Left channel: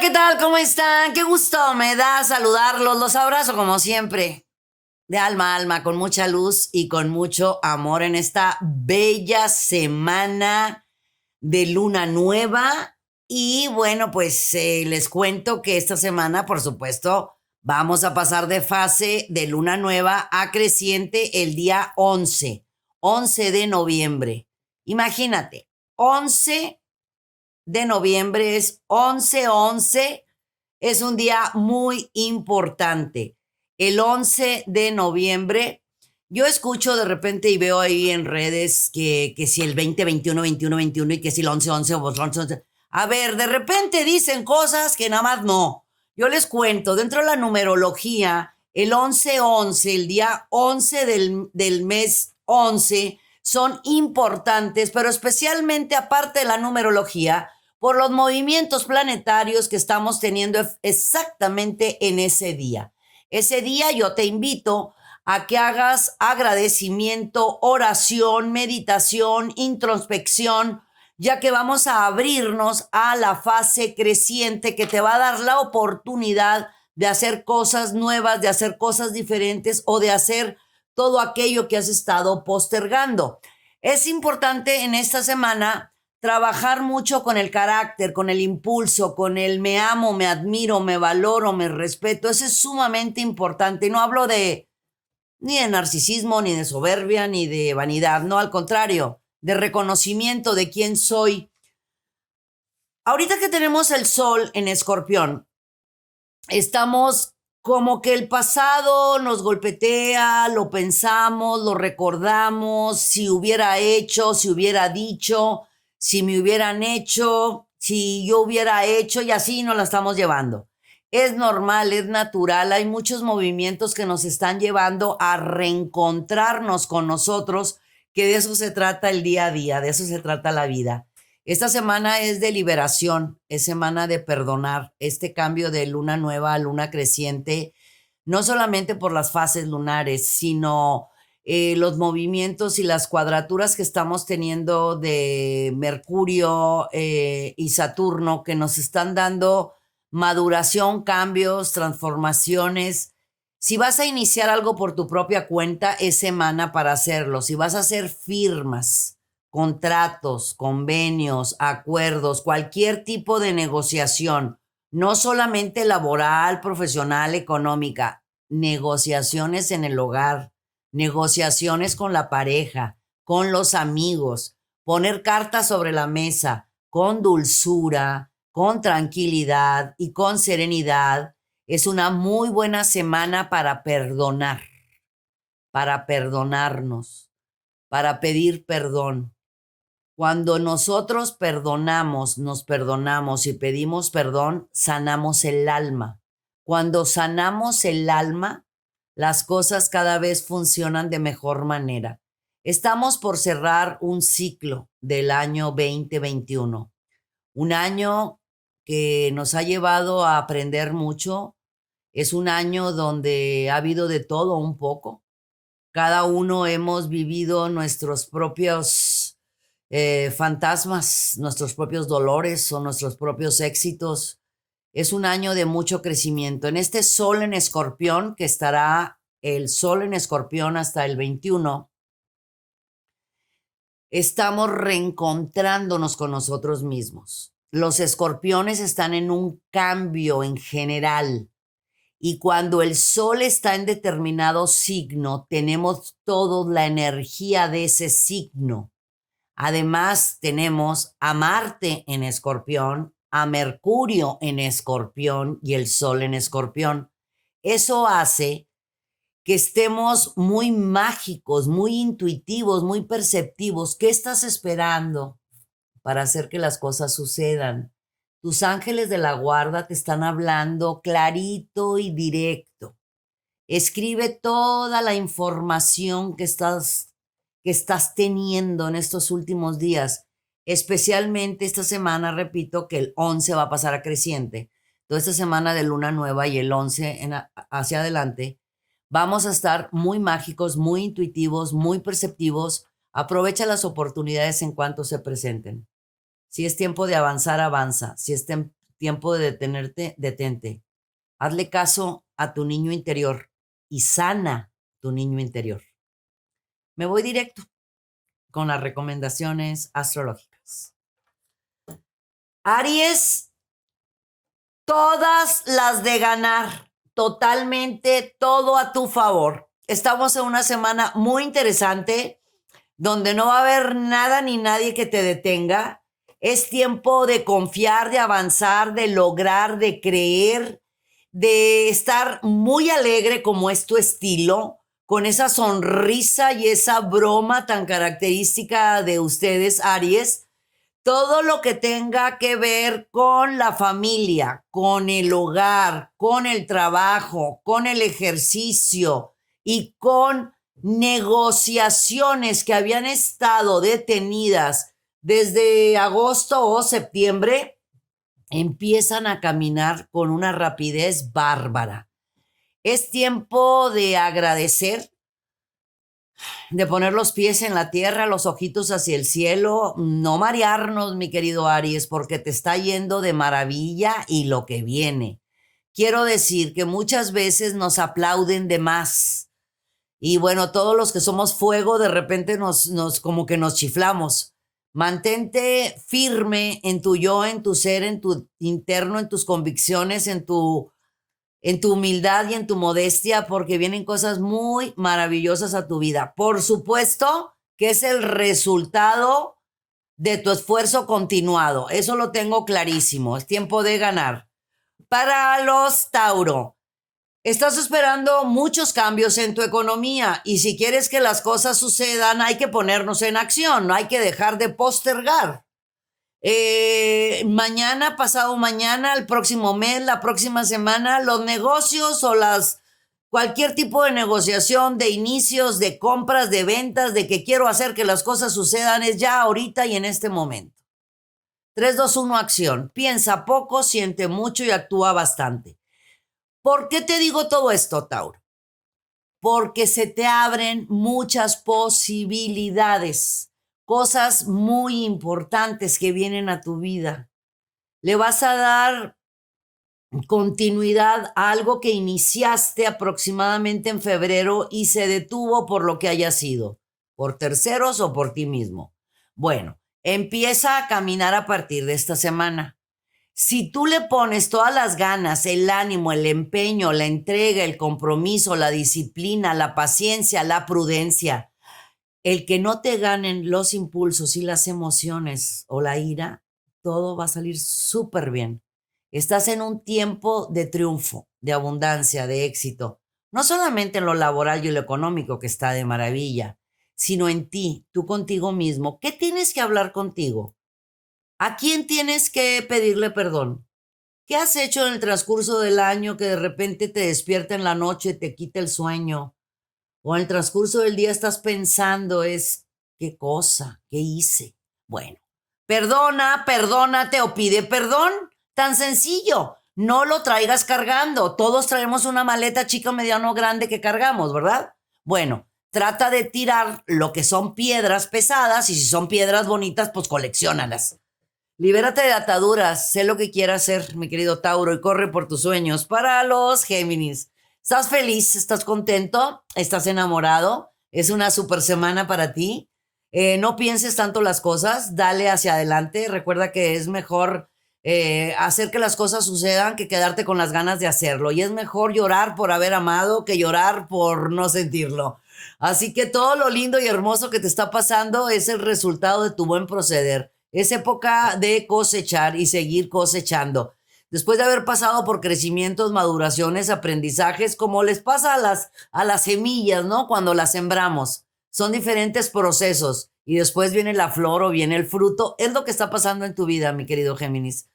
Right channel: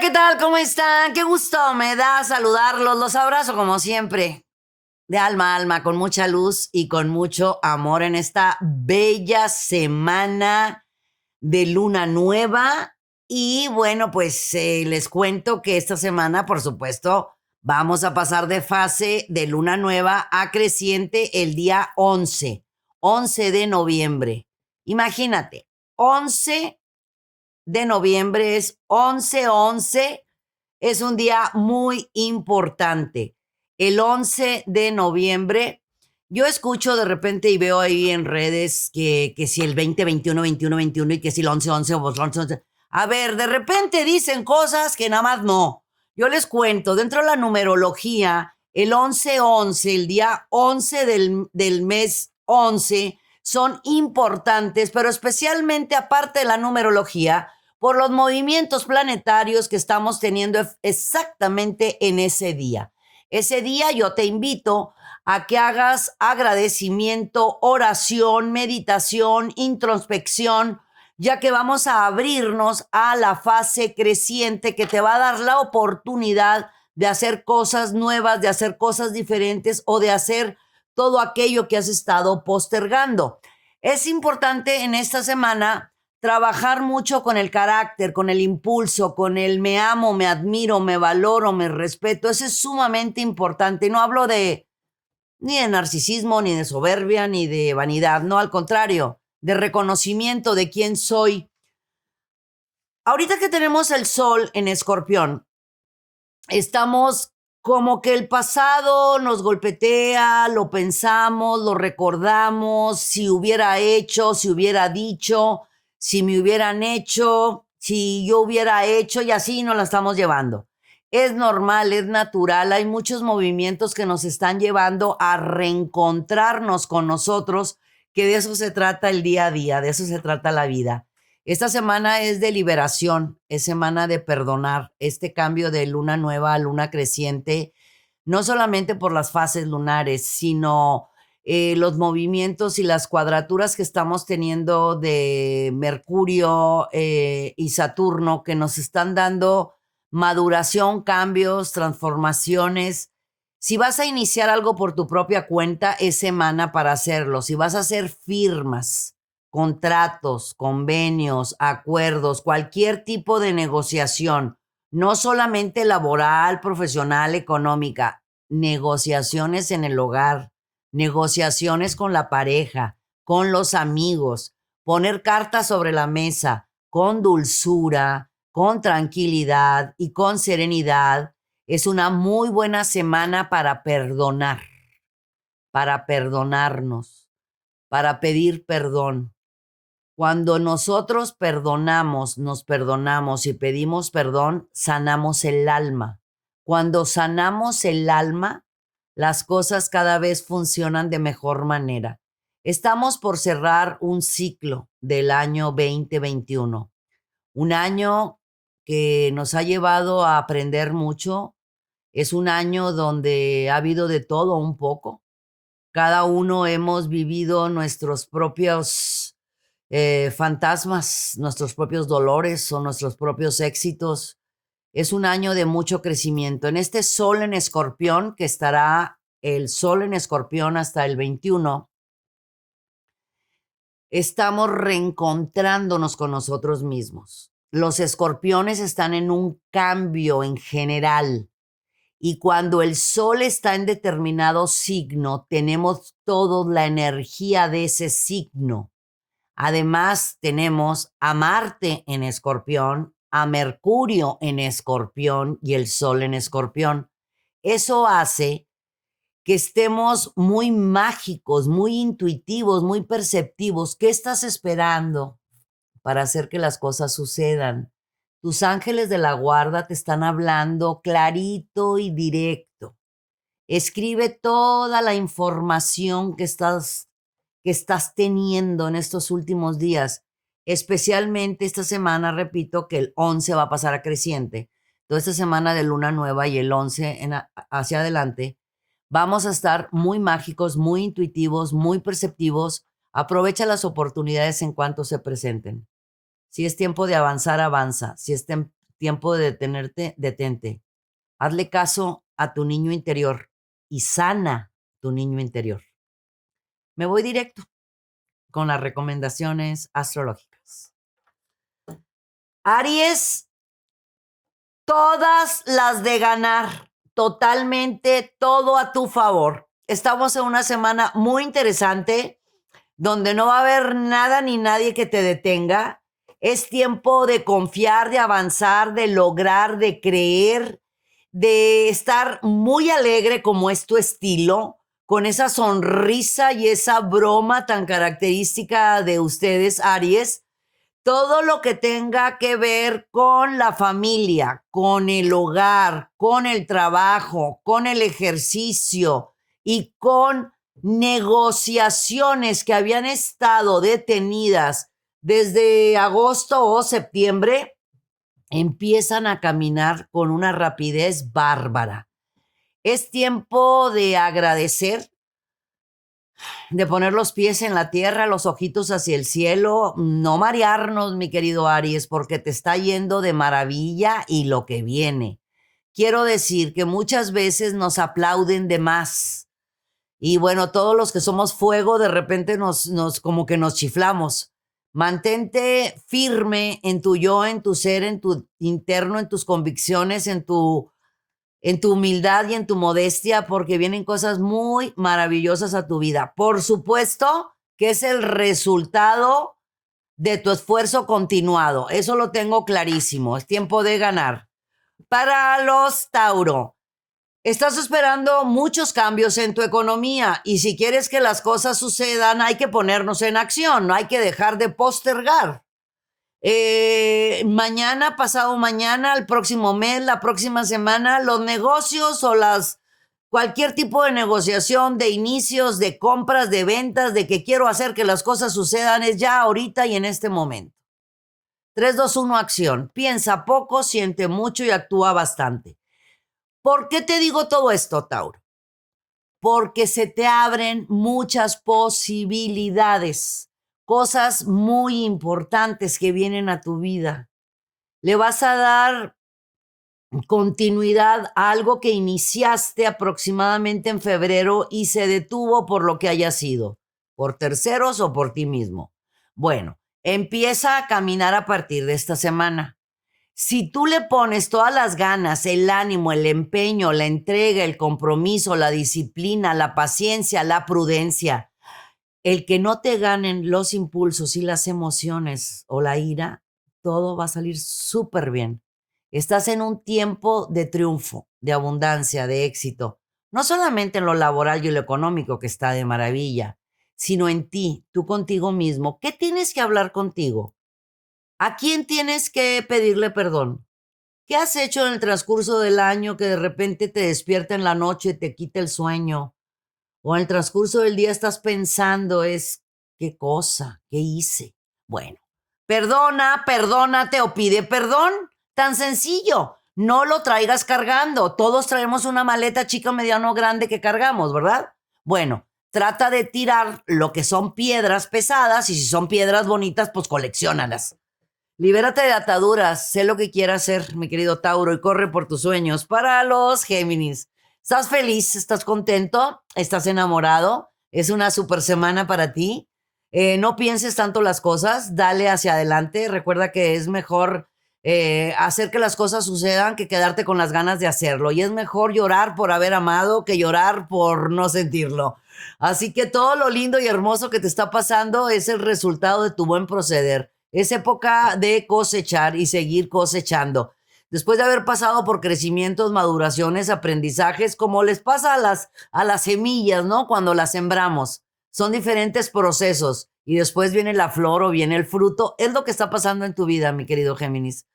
¿Qué tal? ¿Cómo están? Qué gusto me da saludarlos. Los abrazo como siempre, de alma a alma, con mucha luz y con mucho amor en esta bella semana de luna nueva. Y bueno, pues les cuento que esta semana, por supuesto, vamos a pasar de fase de luna nueva a creciente el día 11 de noviembre. Imagínate, 11 de noviembre es 11-11, es un día muy importante. El 11 de noviembre, yo escucho de repente y veo ahí en redes que si el 20-21-21-21 y que si el 11-11 o 11-11. A ver, de repente dicen cosas que nada más no. Yo les cuento, dentro de la numerología, el 11-11, el día 11 del mes 11, son importantes, pero especialmente aparte de la numerología, por los movimientos planetarios que estamos teniendo exactamente en ese día. Ese día yo te invito a que hagas agradecimiento, oración, meditación, introspección, ya que vamos a abrirnos a la fase creciente que te va a dar la oportunidad de hacer cosas nuevas, de hacer cosas diferentes o de hacer todo aquello que has estado postergando. Es importante en esta semana trabajar mucho con el carácter, con el impulso, con el me amo, me admiro, me valoro, me respeto. Eso es sumamente importante. No hablo ni de narcisismo, ni de soberbia, ni de vanidad. No, al contrario, de reconocimiento de quién soy. Ahorita que tenemos el sol en Escorpión, estamos como que el pasado nos golpetea, lo pensamos, lo recordamos, si hubiera hecho, si hubiera dicho, si me hubieran hecho, si yo hubiera hecho, y así nos la estamos llevando. Es normal, es natural, hay muchos movimientos que nos están llevando a reencontrarnos con nosotros, que de eso se trata el día a día, de eso se trata la vida. Esta semana es de liberación, es semana de perdonar, este cambio de luna nueva a luna creciente, no solamente por las fases lunares, sino los movimientos y las cuadraturas que estamos teniendo de Mercurio y Saturno, que nos están dando maduración, cambios, transformaciones. Si vas a iniciar algo por tu propia cuenta, es semana para hacerlo. Si vas a hacer firmas, contratos, convenios, acuerdos, cualquier tipo de negociación, no solamente laboral, profesional, económica, negociaciones en el hogar, negociaciones con la pareja, con los amigos, poner cartas sobre la mesa con dulzura, con tranquilidad y con serenidad. Es una muy buena semana para perdonar, para perdonarnos, para pedir perdón. Cuando nosotros perdonamos, nos perdonamos y pedimos perdón, sanamos el alma. Cuando sanamos el alma, las cosas cada vez funcionan de mejor manera. Estamos por cerrar un ciclo del año 2021, un año que nos ha llevado a aprender mucho. Es un año donde ha habido de todo un poco. Cada uno hemos vivido nuestros propios fantasmas, nuestros propios dolores o nuestros propios éxitos. Es un año de mucho crecimiento. En este sol en Escorpión, que estará el sol en Escorpión hasta el 21, estamos reencontrándonos con nosotros mismos. Los escorpiones están en un cambio en general. Y cuando el sol está en determinado signo, tenemos toda la energía de ese signo. Además, tenemos a Marte en Escorpión, a Mercurio en Escorpión y el Sol en Escorpión. Eso hace que estemos muy mágicos, muy intuitivos, muy perceptivos. ¿Qué estás esperando para hacer que las cosas sucedan? Tus ángeles de la guarda te están hablando clarito y directo. Escribe toda la información que estás teniendo en estos últimos días, especialmente esta semana, repito, que el 11 va a pasar a creciente. Toda esta semana de luna nueva y el 11 hacia adelante, vamos a estar muy mágicos, muy intuitivos, muy perceptivos. Aprovecha las oportunidades en cuanto se presenten. Si es tiempo de avanzar, avanza. Si es tiempo de detenerte, detente. Hazle caso a tu niño interior y sana tu niño interior. Me voy directo con las recomendaciones astrológicas. Aries, todas las de ganar, totalmente todo a tu favor. Estamos en una semana muy interesante donde no va a haber nada ni nadie que te detenga. Es tiempo de confiar, de avanzar, de lograr, de creer, de estar muy alegre como es tu estilo, con esa sonrisa y esa broma tan característica de ustedes, Aries. Todo lo que tenga que ver con la familia, con el hogar, con el trabajo, con el ejercicio y con negociaciones que habían estado detenidas desde agosto o septiembre, empiezan a caminar con una rapidez bárbara. Es tiempo de agradecer, de poner los pies en la tierra, los ojitos hacia el cielo, no marearnos, mi querido Aries, porque te está yendo de maravilla y lo que viene. Quiero decir que muchas veces nos aplauden de más. Y bueno, todos los que somos fuego, de repente nos como que nos chiflamos. Mantente firme en tu yo, en tu ser, en tu interno, en tus convicciones, en tu humildad y en tu modestia, porque vienen cosas muy maravillosas a tu vida. Por supuesto que es el resultado de tu esfuerzo continuado. Eso lo tengo clarísimo. Es tiempo de ganar. Para los Tauro, estás esperando muchos cambios en tu economía y si quieres que las cosas sucedan, hay que ponernos en acción, no hay que dejar de postergar. Mañana, pasado mañana, el próximo mes, la próxima semana, los negocios o cualquier tipo de negociación, de inicios, de compras, de ventas, de que quiero hacer que las cosas sucedan, es ya ahorita y en este momento. 3, 2, 1, acción. Piensa poco, siente mucho y actúa bastante. ¿Por qué te digo todo esto, Tauro? Porque se te abren muchas posibilidades, cosas muy importantes que vienen a tu vida. Le vas a dar continuidad a algo que iniciaste aproximadamente en febrero y se detuvo por lo que haya sido, por terceros o por ti mismo. Bueno, empieza a caminar a partir de esta semana. Si tú le pones todas las ganas, el ánimo, el empeño, la entrega, el compromiso, la disciplina, la paciencia, la prudencia, el que no te ganen los impulsos y las emociones o la ira, todo va a salir súper bien. Estás en un tiempo de triunfo, de abundancia, de éxito. No solamente en lo laboral y lo económico, que está de maravilla, sino en ti, tú contigo mismo. ¿Qué tienes que hablar contigo? ¿A quién tienes que pedirle perdón? ¿Qué has hecho en el transcurso del año que de repente te despierta en la noche y te quita el sueño? O en el transcurso del día estás pensando, ¿qué cosa? ¿Qué hice? Bueno, perdónate o pide perdón. Tan sencillo. No lo traigas cargando. Todos traemos una maleta chica, mediano, grande que cargamos, ¿verdad? Bueno, trata de tirar lo que son piedras pesadas y si son piedras bonitas, pues colecciónalas. Libérate de ataduras, sé lo que quieras hacer, mi querido Tauro, y corre por tus sueños. Para los Géminis, ¿estás feliz? ¿Estás contento? ¿Estás enamorado? Es una super semana para ti. No pienses tanto las cosas, dale hacia adelante. Recuerda que es mejor hacer que las cosas sucedan que quedarte con las ganas de hacerlo. Y es mejor llorar por haber amado que llorar por no sentirlo. Así que todo lo lindo y hermoso que te está pasando es el resultado de tu buen proceder. Es época de cosechar y seguir cosechando. Después de haber pasado por crecimientos, maduraciones, aprendizajes, como les pasa a las semillas, ¿no? Cuando las sembramos. Son diferentes procesos y después viene la flor o viene el fruto. Es lo que está pasando en tu vida, mi querido Géminis.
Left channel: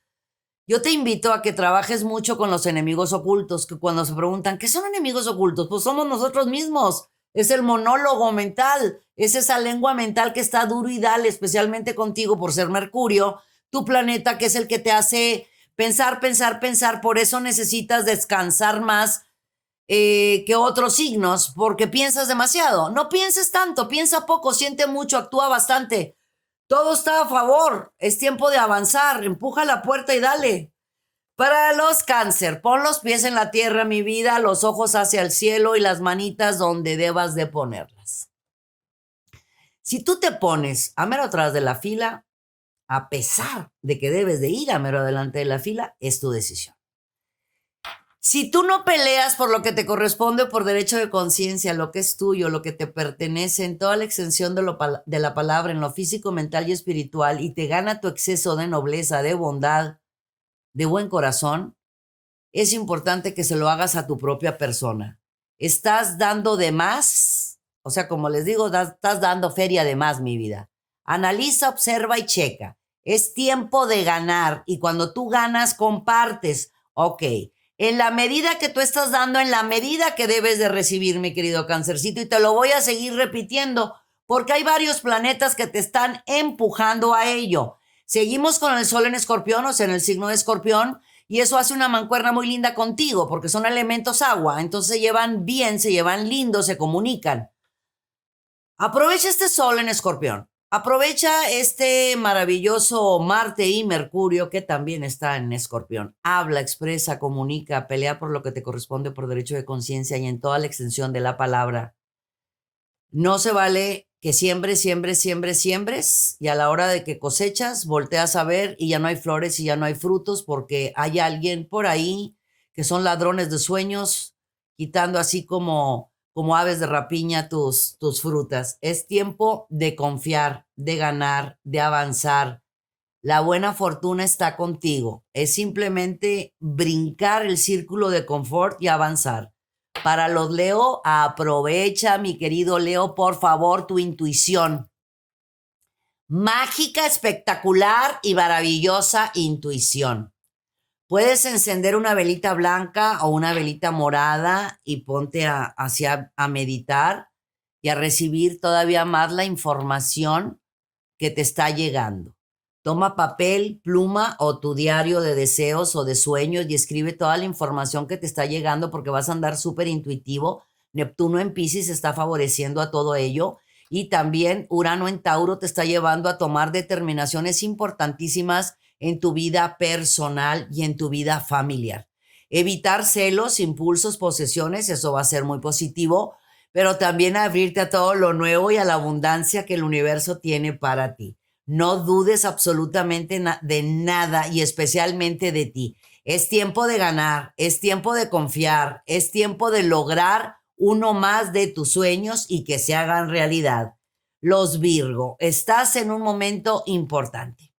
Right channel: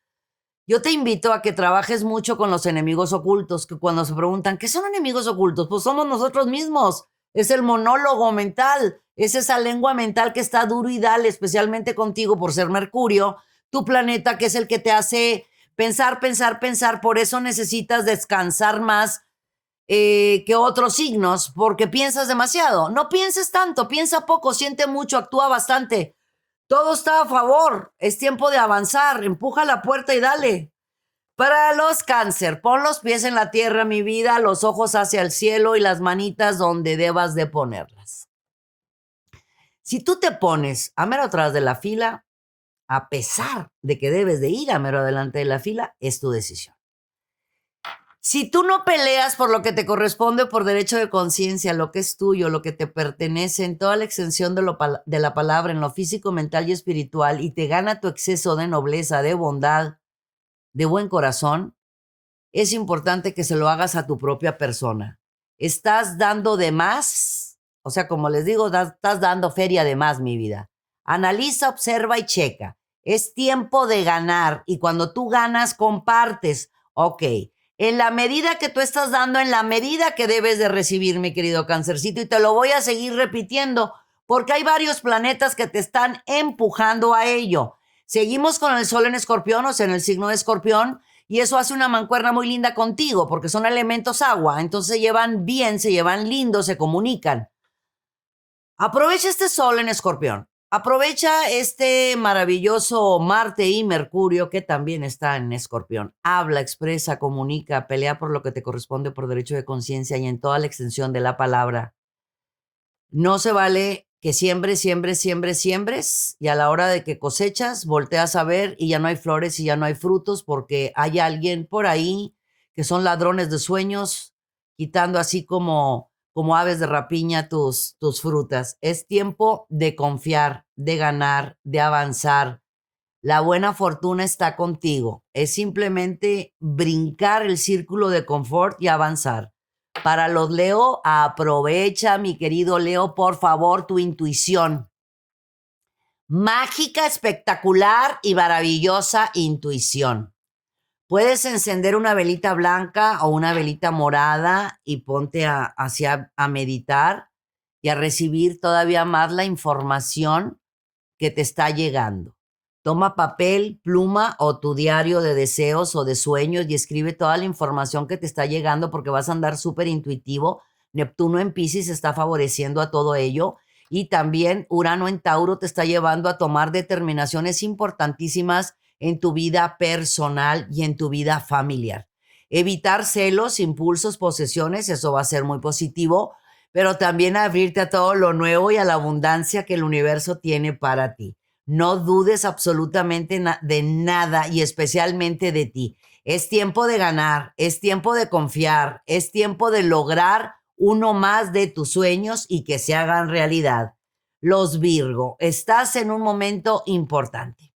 Yo te invito a que trabajes mucho con los enemigos ocultos, que cuando se preguntan, ¿qué son enemigos ocultos? Pues somos nosotros mismos. Es el monólogo mental, es esa lengua mental que está duro y dale, especialmente contigo por ser Mercurio, tu planeta, que es el que te hace pensar, pensar, pensar. Por eso necesitas descansar más que otros signos, porque piensas demasiado. No pienses tanto, piensa poco, siente mucho, actúa bastante. Todo está a favor, es tiempo de avanzar, empuja la puerta y dale. Para los cáncer, pon los pies en la tierra, mi vida, los ojos hacia el cielo y las manitas donde debas de ponerlas. Si tú te pones a mero atrás de la fila, a pesar de que debes de ir a mero adelante de la fila, es tu decisión. Si tú no peleas por lo que te corresponde por derecho de conciencia, lo que es tuyo, lo que te pertenece en toda la extensión de la palabra, en lo físico, mental y espiritual, y te gana tu exceso de nobleza, de bondad, de buen corazón, es importante que se lo hagas a tu propia persona. Estás dando de más, o sea, como les digo, estás dando feria de más, mi vida. Analiza, observa y checa. Es tiempo de ganar y cuando tú ganas, compartes. Ok, en la medida que tú estás dando, en la medida que debes de recibir, mi querido Cancercito, y te lo voy a seguir repitiendo porque hay varios planetas que te están empujando a ello. Seguimos con el Sol en Escorpión, o sea, en el signo de Escorpión, y eso hace una mancuerna muy linda contigo, porque son elementos agua, entonces se llevan bien, se llevan lindo, se comunican. Aprovecha este Sol en Escorpión, aprovecha este maravilloso Marte y Mercurio que también está en Escorpión. Habla, expresa, comunica, pelea por lo que te corresponde por derecho de conciencia y en toda la extensión de la palabra. No se vale que siembres y a la hora de que cosechas, volteas a ver y ya no hay flores y ya no hay frutos porque hay alguien por ahí que son ladrones de sueños, quitando así como aves de rapiña tus frutas. Es tiempo de confiar, de ganar, de avanzar. La buena fortuna está contigo. Es simplemente brincar el círculo de confort y avanzar. Para los Leo, aprovecha, mi querido Leo, por favor, tu intuición. Mágica, espectacular y maravillosa intuición. Puedes encender una velita blanca o una velita morada y ponte a meditar y a recibir todavía más la información que te está llegando. Toma papel, pluma o tu diario de deseos o de sueños y escribe toda la información que te está llegando porque vas a andar súper intuitivo. Neptuno en Piscis está favoreciendo a todo ello y también Urano en Tauro te está llevando a tomar determinaciones importantísimas en tu vida personal y en tu vida familiar. Evitar celos, impulsos, posesiones, eso va a ser muy positivo, pero también abrirte a todo lo nuevo y a la abundancia que el universo tiene para ti. No dudes absolutamente de nada y especialmente de ti. Es tiempo de ganar, es tiempo de confiar, es tiempo de lograr uno más de tus sueños y que se hagan realidad. Los Virgo, estás en un momento importante.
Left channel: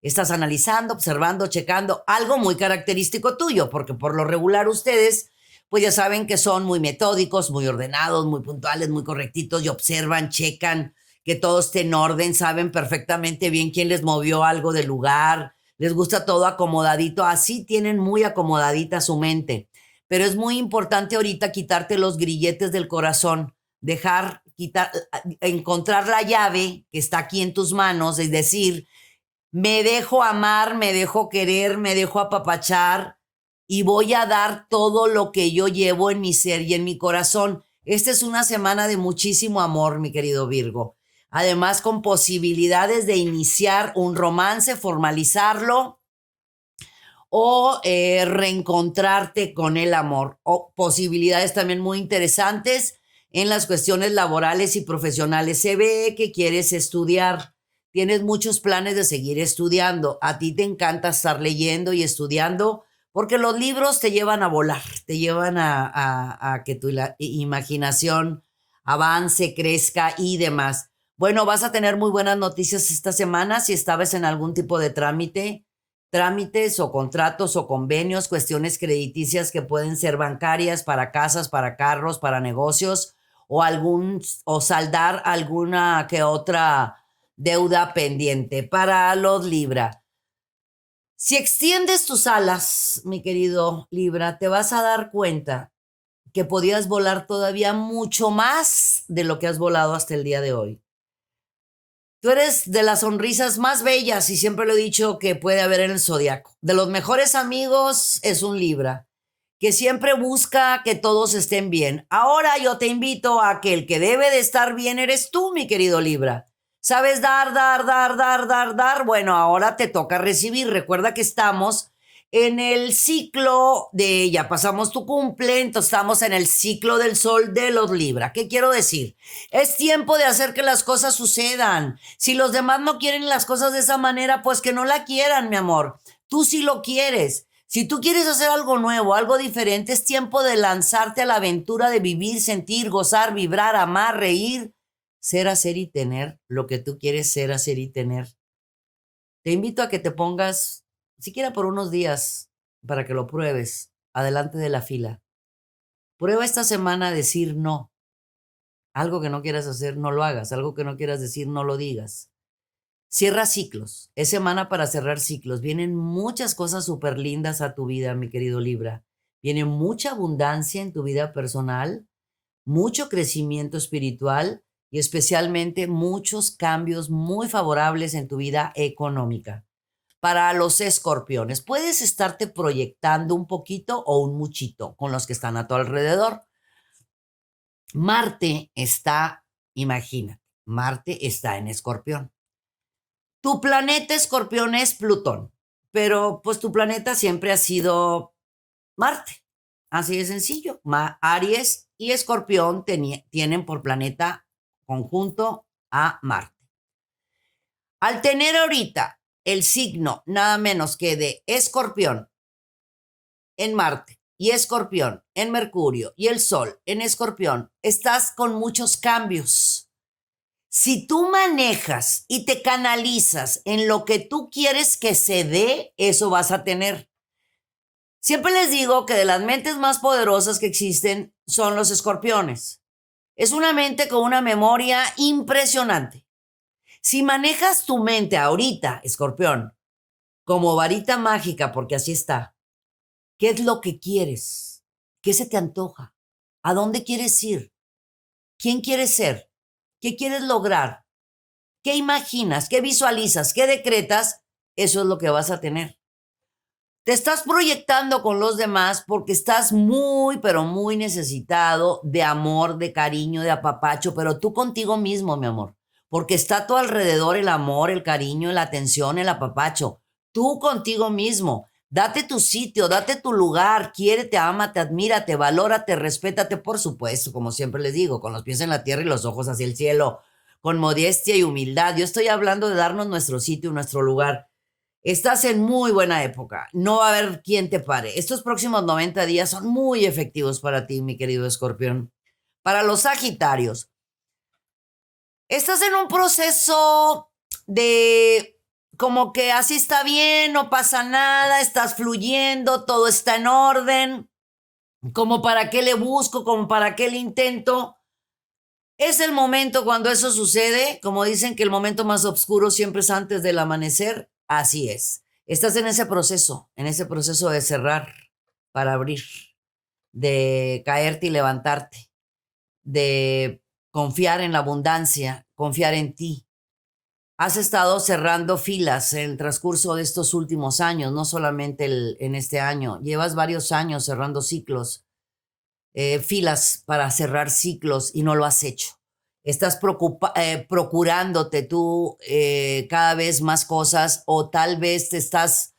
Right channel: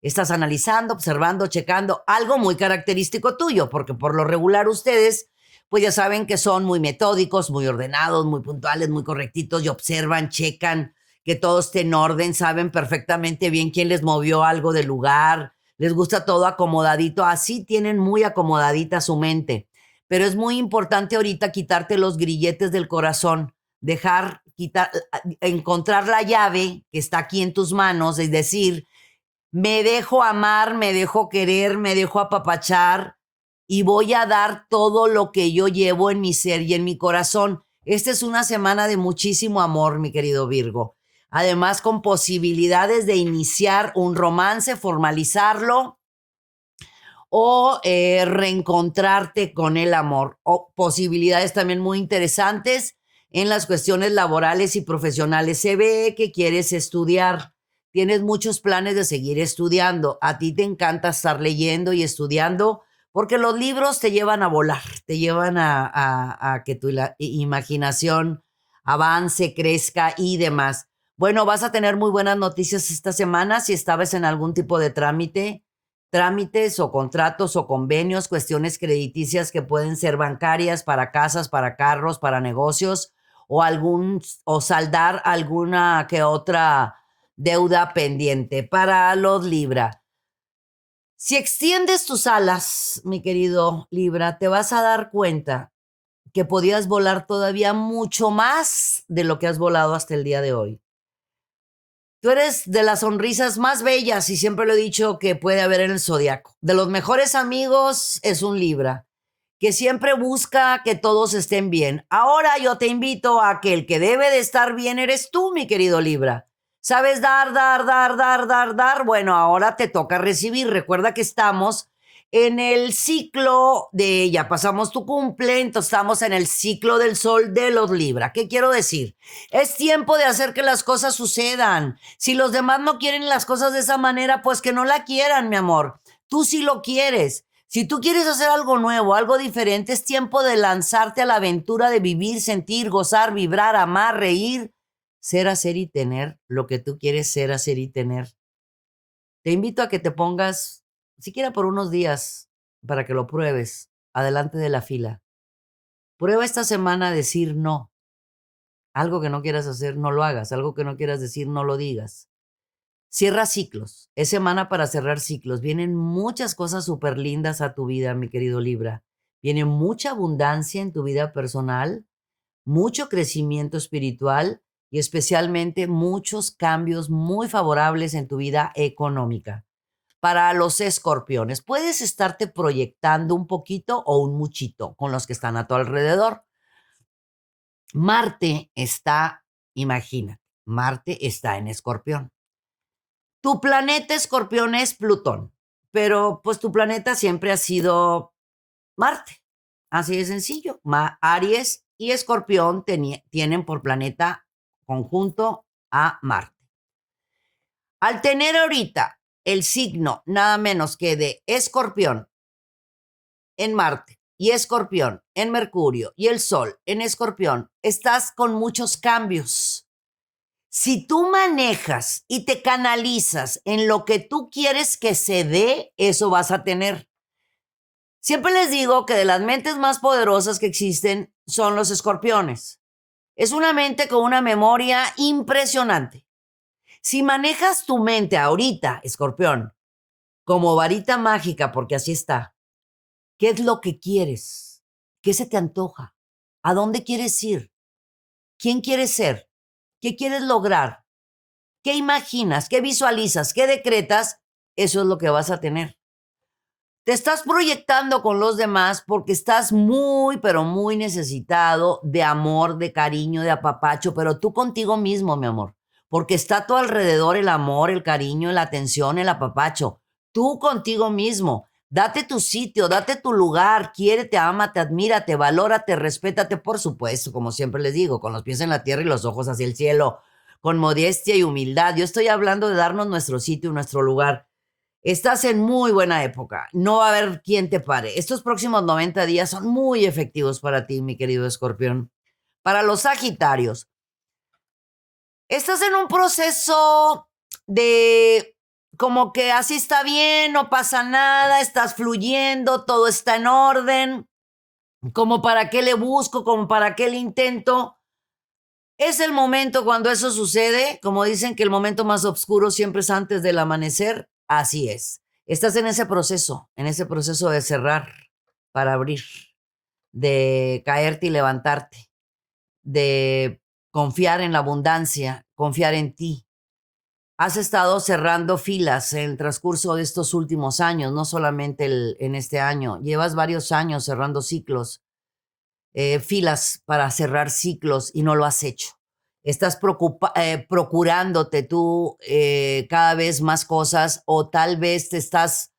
Estás analizando, observando, checando algo muy característico tuyo, porque por lo regular ustedes, pues ya saben que son muy metódicos, muy ordenados, muy puntuales, muy correctitos y observan, checan que todo esté en orden, saben perfectamente bien quién les movió algo del lugar, les gusta todo acomodadito, así tienen muy acomodadita su mente. Pero es muy importante ahorita quitarte los grilletes del corazón, encontrar la llave que está aquí en tus manos, es decir, me dejo amar, me dejo querer, me dejo apapachar y voy a dar todo lo que yo llevo en mi ser y en mi corazón. Esta es una semana de muchísimo amor, mi querido Virgo. Además, con posibilidades de iniciar un romance, formalizarlo o reencontrarte con el amor. O posibilidades también muy interesantes en las cuestiones laborales y profesionales. Se ve que quieres estudiar. Tienes muchos planes de seguir estudiando. A ti te encanta estar leyendo y estudiando porque los libros te llevan a volar, te llevan a que tu imaginación avance, crezca y demás. Bueno, vas a tener muy buenas noticias esta semana si estabas en algún tipo de trámites o contratos o convenios, cuestiones crediticias que pueden ser bancarias para casas, para carros, para negocios o saldar alguna que otra deuda pendiente. Para los Libra, si extiendes tus alas, mi querido Libra, te vas a dar cuenta que podías volar todavía mucho más de lo que has volado hasta el día de hoy. Tú eres de las sonrisas más bellas y siempre lo he dicho que puede haber en el zodiaco. De los mejores amigos es un Libra, que siempre busca que todos estén bien. Ahora yo te invito a que el que debe de estar bien eres tú, mi querido Libra. ¿Sabes dar? Bueno, ahora te toca recibir. Recuerda que estamos en el ciclo de, ya pasamos tu cumple, entonces estamos en el ciclo del sol de los Libra. ¿Qué quiero decir? Es tiempo de hacer que las cosas sucedan. Si los demás no quieren las cosas de esa manera, pues que no la quieran, mi amor. Tú sí lo quieres. Si tú quieres hacer algo nuevo, algo diferente, es tiempo de lanzarte a la aventura de vivir, sentir, gozar, vibrar, amar, reír, ser, hacer y tener lo que tú quieres ser, hacer y tener. Te invito a que te pongas, siquiera por unos días, para que lo pruebes, adelante de la fila. Prueba esta semana a decir no. Algo que no quieras hacer, no lo hagas. Algo que no quieras decir, no lo digas. Cierra ciclos. Es semana para cerrar ciclos. Vienen muchas cosas súper lindas a tu vida, mi querido Libra. Viene mucha abundancia en tu vida personal, mucho crecimiento espiritual y especialmente muchos cambios muy favorables en tu vida económica. Para los escorpiones, puedes estarte proyectando un poquito o un muchito con los que están a tu alrededor. Marte está, imagina, Marte está en Escorpión. Tu planeta Escorpión es Plutón, pero pues tu planeta siempre ha sido Marte. Así de sencillo. Aries y Escorpión tienen por planeta conjunto a Marte. Al tener ahorita el signo nada menos que de Escorpión en Marte y Escorpión en Mercurio y el Sol en Escorpión, estás con muchos cambios. Si tú manejas y te canalizas en lo que tú quieres que se dé, eso vas a tener. Siempre les digo que de las mentes más poderosas que existen son los escorpiones. Es una mente con una memoria impresionante. Si manejas tu mente ahorita, escorpión, como varita mágica, porque así está, ¿qué es lo que quieres? ¿Qué se te antoja? ¿A dónde quieres ir? ¿Quién quieres ser? ¿Qué quieres lograr? ¿Qué imaginas? ¿Qué visualizas? ¿Qué decretas? Eso es lo que vas a tener. Te estás proyectando con los demás porque estás muy, pero muy necesitado de amor, de cariño, de apapacho, pero tú contigo mismo, mi amor, porque está a tu alrededor el amor, el cariño, la atención, el apapacho. Tú contigo mismo. Date tu sitio, date tu lugar, quiérete, ámate, admírate, valórate, respétate, por supuesto, como siempre les digo, con los pies en la tierra y los ojos hacia el cielo, con modestia y humildad. Yo estoy hablando de darnos nuestro sitio, nuestro lugar. Estás en muy buena época. No va a haber quien te pare. Estos próximos 90 días son muy efectivos para ti, mi querido escorpión. Para los sagitarios, estás en un proceso de como que así está bien, no pasa nada, estás fluyendo, todo está en orden, como para qué le busco, como para qué le intento. Es el momento cuando eso sucede, como dicen que el momento más oscuro siempre es antes del amanecer, así es. Estás en ese proceso de cerrar para abrir, de caerte y levantarte, de confiar en la abundancia, confiar en ti. Has estado cerrando filas en el transcurso de estos últimos años, no solamente en este año. Llevas varios años cerrando ciclos, filas para cerrar ciclos y no lo has hecho. Estás procurándote tú cada vez más cosas o tal vez te estás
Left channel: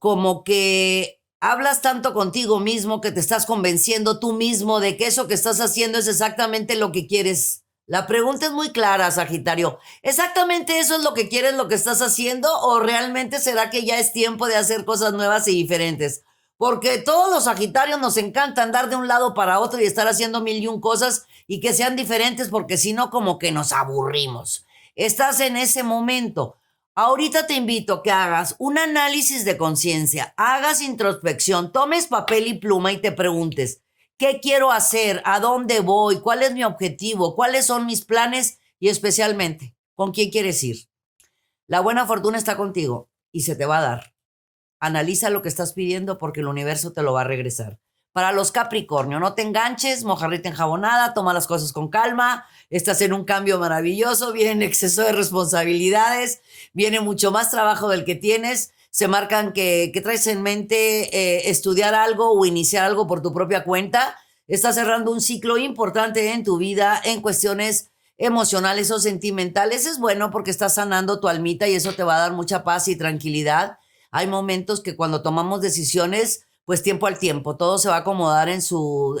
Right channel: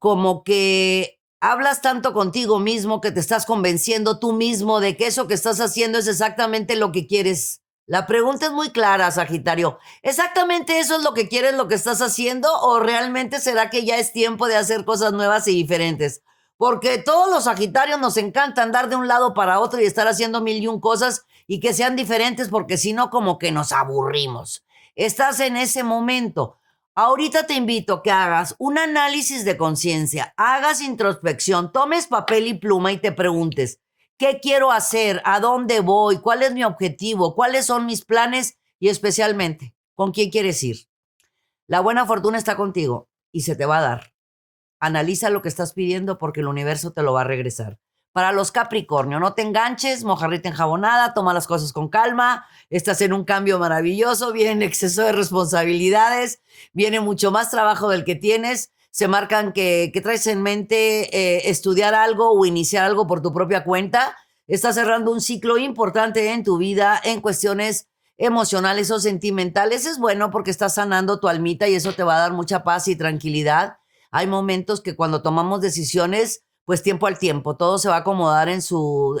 como que hablas tanto contigo mismo que te estás convenciendo tú mismo de que eso que estás haciendo es exactamente lo que quieres. La pregunta es muy clara, Sagitario. ¿Exactamente eso es lo que quieres, lo que estás haciendo? ¿O realmente será que ya es tiempo de hacer cosas nuevas y diferentes? Porque todos los Sagitarios nos encanta andar de un lado para otro y estar haciendo mil y un cosas y que sean diferentes porque si no como que nos aburrimos. Estás en ese momento. Ahorita te invito a que hagas un análisis de conciencia, hagas introspección, tomes papel y pluma y te preguntes, ¿qué quiero hacer? ¿A dónde voy? ¿Cuál es mi objetivo? ¿Cuáles son mis planes? Y especialmente, ¿con quién quieres ir? La buena fortuna está contigo y se te va a dar. Analiza lo que estás pidiendo porque el universo te lo va a regresar. Para los Capricornio, no te enganches, mojarrita enjabonada, toma las cosas con calma, estás en un cambio maravilloso, viene exceso de responsabilidades, viene mucho más trabajo del que tienes, se marcan que traes en mente estudiar algo o iniciar algo por tu propia cuenta, estás cerrando un ciclo importante en tu vida en cuestiones emocionales o sentimentales. Es bueno porque estás sanando tu almita y eso te va a dar mucha paz y tranquilidad. hay momentos que cuando tomamos decisiones, pues tiempo al tiempo, todo se va a acomodar en su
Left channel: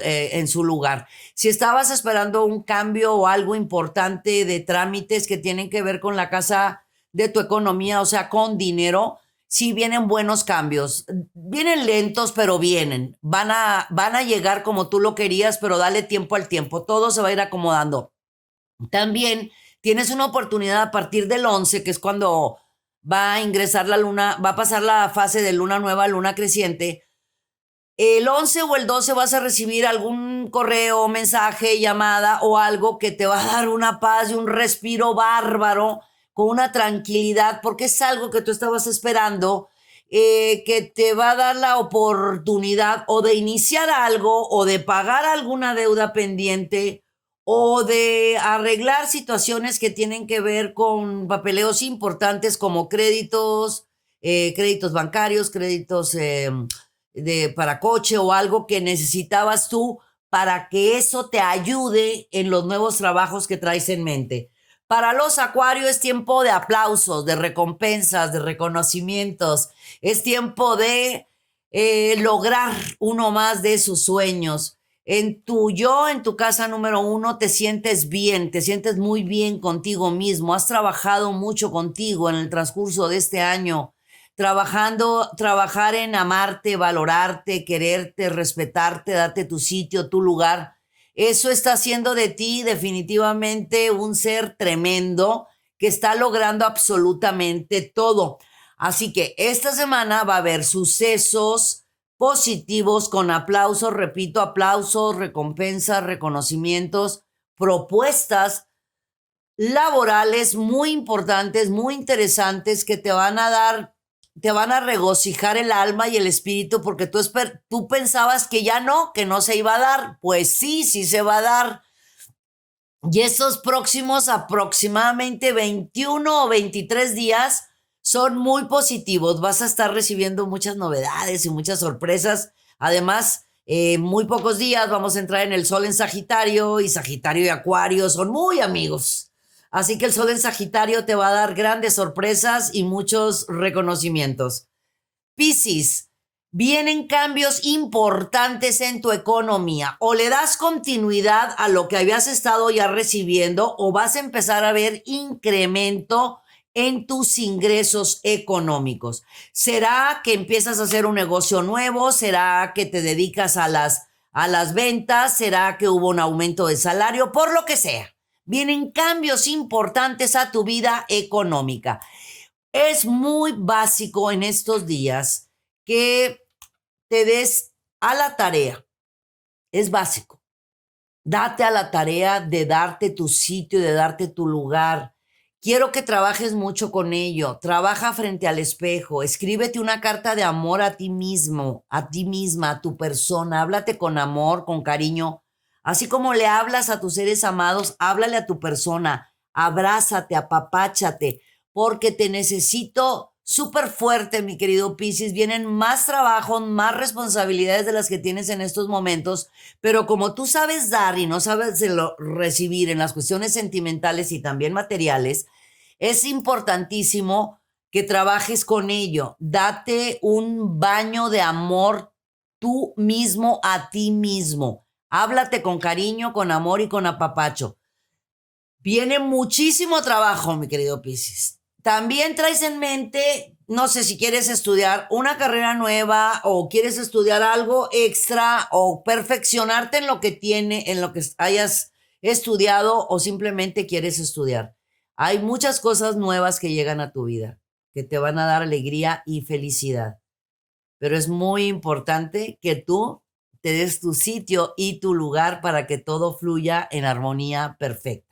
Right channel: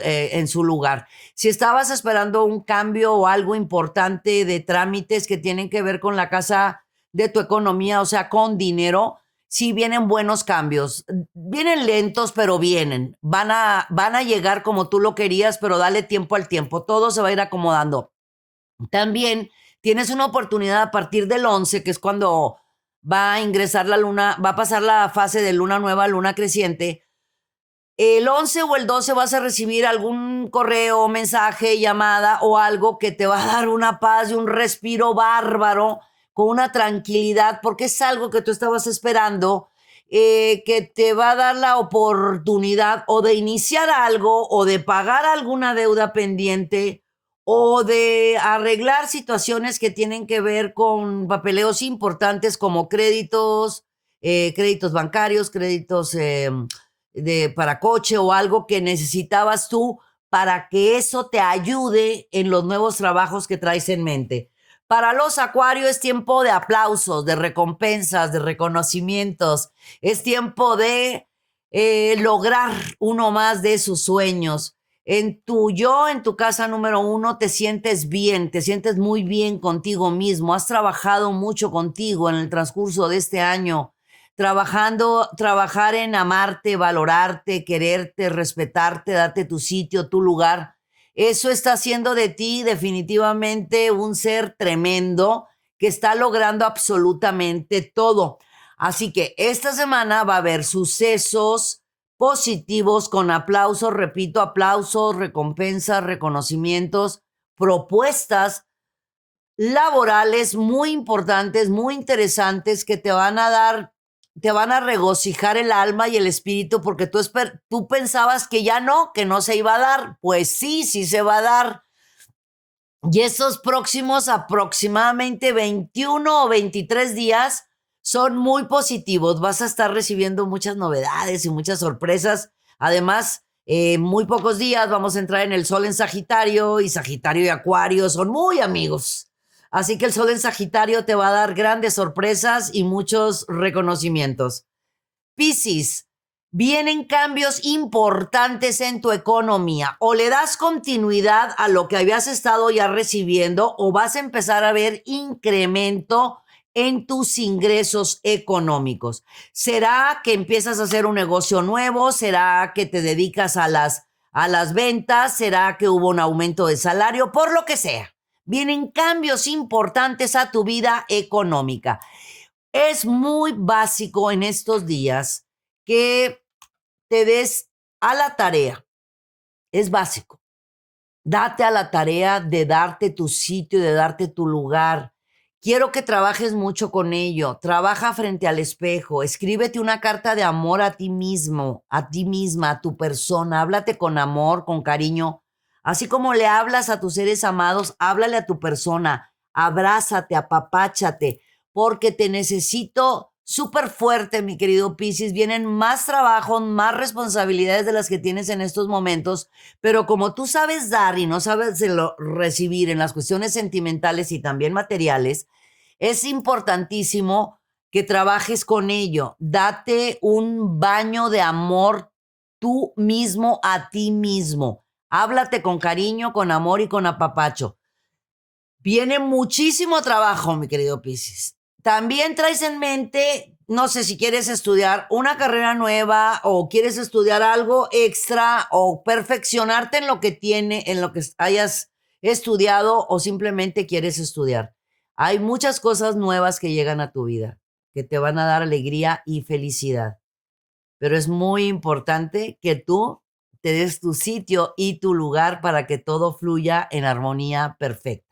lugar. Si estabas esperando un cambio o algo importante de trámites que tienen que ver con la casa de tu economía, o sea, con dinero, sí vienen buenos cambios. Vienen lentos, pero vienen. Van a llegar como tú lo querías, pero dale tiempo al tiempo. Todo se va a ir acomodando. También tienes una oportunidad a partir del 11, que es cuando va a ingresar la luna, va a pasar la fase de luna nueva a luna creciente. El 11 o el 12 vas a recibir algún correo, mensaje, llamada o algo que te va a dar una paz y un respiro bárbaro, con una tranquilidad, porque es algo que tú estabas esperando, que te va a dar la oportunidad o de iniciar algo o de pagar alguna deuda pendiente o de arreglar situaciones que tienen que ver con papeleos importantes como créditos, créditos bancarios, créditos para coche o algo que necesitabas tú para que eso te ayude en los nuevos trabajos que traes en mente. Para los acuarios es tiempo de aplausos, de recompensas, de reconocimientos. Es tiempo de lograr uno más de sus sueños. En tu casa número 1, te sientes bien, te sientes muy bien contigo mismo. Has trabajado mucho contigo en el transcurso de este año, trabajar en amarte, valorarte, quererte, respetarte, darte tu sitio, tu lugar. Eso está haciendo de ti definitivamente un ser tremendo que está logrando absolutamente todo. Así que esta semana va a haber sucesos positivos con aplausos, repito, aplausos, recompensas, reconocimientos, propuestas laborales muy importantes, muy interesantes que te van a regocijar el alma y el espíritu porque tú pensabas que no se iba a dar. Pues sí, sí se va a dar. Y esos próximos aproximadamente 21 o 23 días son muy positivos. Vas a estar recibiendo muchas novedades y muchas sorpresas. Además, muy pocos días vamos a entrar en el sol en Sagitario, y Sagitario y Acuario son muy amigos. Así que el sol en Sagitario te va a dar grandes sorpresas y muchos reconocimientos. Piscis, vienen cambios importantes en tu economía. O le das continuidad a lo que habías estado ya recibiendo o vas a empezar a ver incremento en tus ingresos económicos. ¿Será que empiezas a hacer un negocio nuevo? ¿Será que te dedicas a las ventas? ¿Será que hubo un aumento de salario? Por lo que sea. Vienen cambios importantes a tu vida económica. Es muy básico en estos días que te des a la tarea. Es básico. Date a la tarea de darte tu sitio, de darte tu lugar. Quiero que trabajes mucho con ello. Trabaja frente al espejo. Escríbete una carta de amor a ti mismo, a ti misma, a tu persona. Háblate con amor, con cariño. Así como le hablas a tus seres amados, háblale a tu persona. Abrázate, apapáchate, porque te necesito súper fuerte, mi querido Piscis. Vienen más trabajos, más responsabilidades de las que tienes en estos momentos, pero como tú sabes dar y no sabes recibir en las cuestiones sentimentales y también materiales, es importantísimo que trabajes con ello. Date un baño de amor tú mismo a ti mismo. Háblate con cariño, con amor y con apapacho. Viene muchísimo trabajo, mi querido Piscis. También traes en mente, no sé si quieres estudiar una carrera nueva o quieres estudiar algo extra o perfeccionarte en lo que hayas estudiado o simplemente quieres estudiar. Hay muchas cosas nuevas que llegan a tu vida, que te van a dar alegría y felicidad. Pero es muy importante que tú te des tu sitio y tu lugar para que todo fluya en armonía perfecta.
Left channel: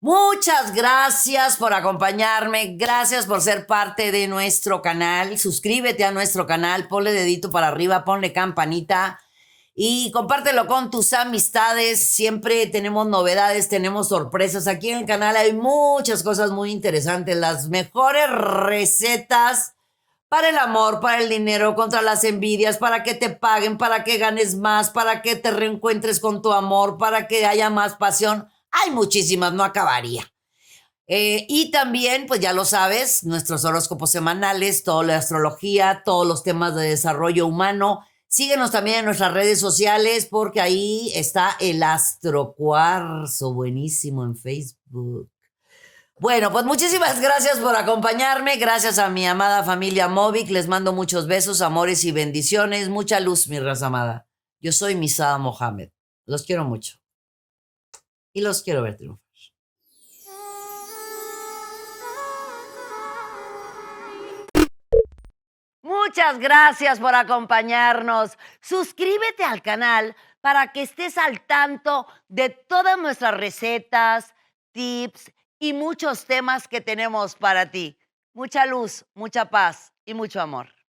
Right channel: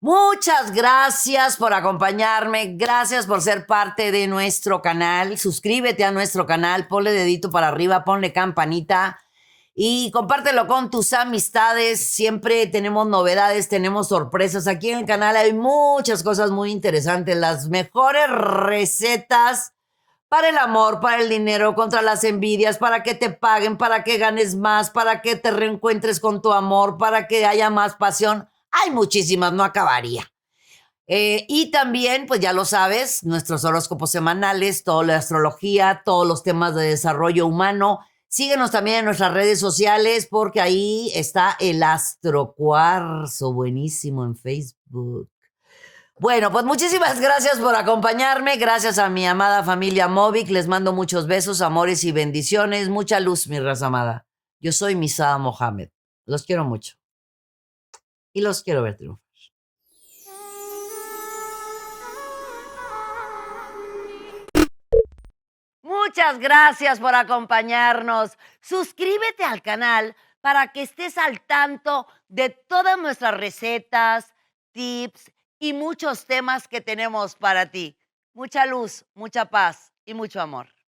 Muchas gracias por acompañarme, gracias por ser parte de nuestro canal. Suscríbete a nuestro canal, ponle dedito para arriba, ponle campanita y compártelo con tus amistades. Siempre tenemos novedades, tenemos sorpresas. Aquí en el canal hay muchas cosas muy interesantes, las mejores recetas para el amor, para el dinero, contra las envidias, para que te paguen, para que ganes más, para que te reencuentres con tu amor, para que haya más pasión. Hay muchísimas, no acabaría. Y también, pues ya lo sabes, nuestros horóscopos semanales, toda la astrología, todos los temas de desarrollo humano. Síguenos también en nuestras redes sociales porque ahí está el Astrocuarzo, buenísimo en Facebook. Bueno, pues muchísimas gracias por acompañarme. Gracias a mi amada familia Movic. Les mando muchos besos, amores y bendiciones. Mucha luz, mi raza amada. Yo soy Misada Mohamed. Los quiero mucho y los quiero ver triunfar. Muchas gracias por acompañarnos. Suscríbete al canal para que estés al tanto de todas nuestras recetas, tips y muchos temas que tenemos para ti. Mucha luz, mucha paz y mucho amor.